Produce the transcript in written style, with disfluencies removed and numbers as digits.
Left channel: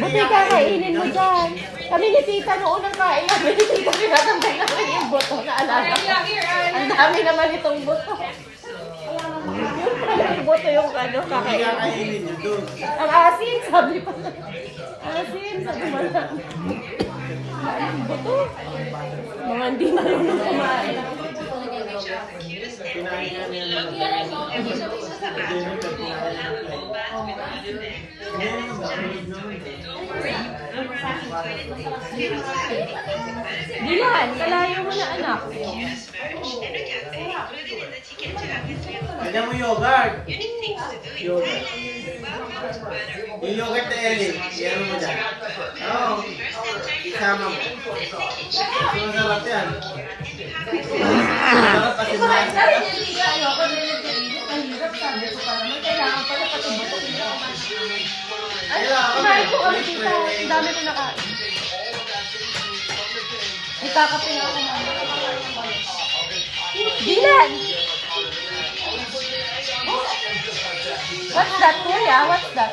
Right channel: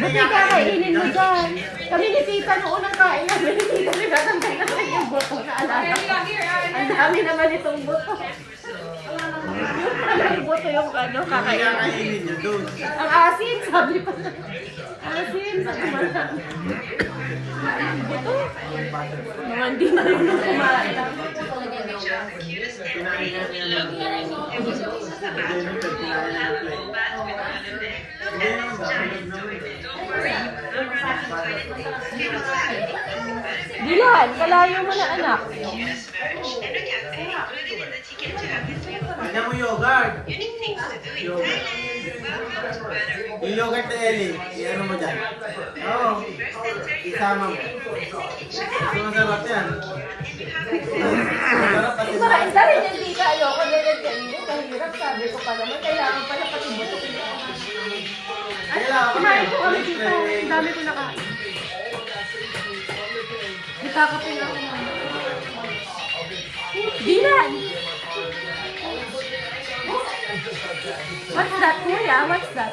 Buti kakainin mo dyan. Kami ni Tita noon ang kain namin ni Tita. Pinatambay naman yung buto. Naalala ko. Ang dami naman itong buto. Yung pala yung buto yung ano, kakainin. Kakainin nyo doon. Ang asin, sabi ko. Asin, sabi mo lang. Ito. Mga hindi marunong kumain. Dilan, kalayo mo na anak. Kanya mo yogurt. Yogurt. Yung yogurt na Ellie, i-ano mo dyan. Oo. Isama mo. Masarap yan. Kumain ka rin yung tita. Ayoko na yung kainit. Ang hirap, sabi ko pa naman. Kailangan pala pati buto. Ano, kumain ko kami tita. Ang dami ko nakain. Ikakapin ako naman. Dilan! What's that, kuya? What's that?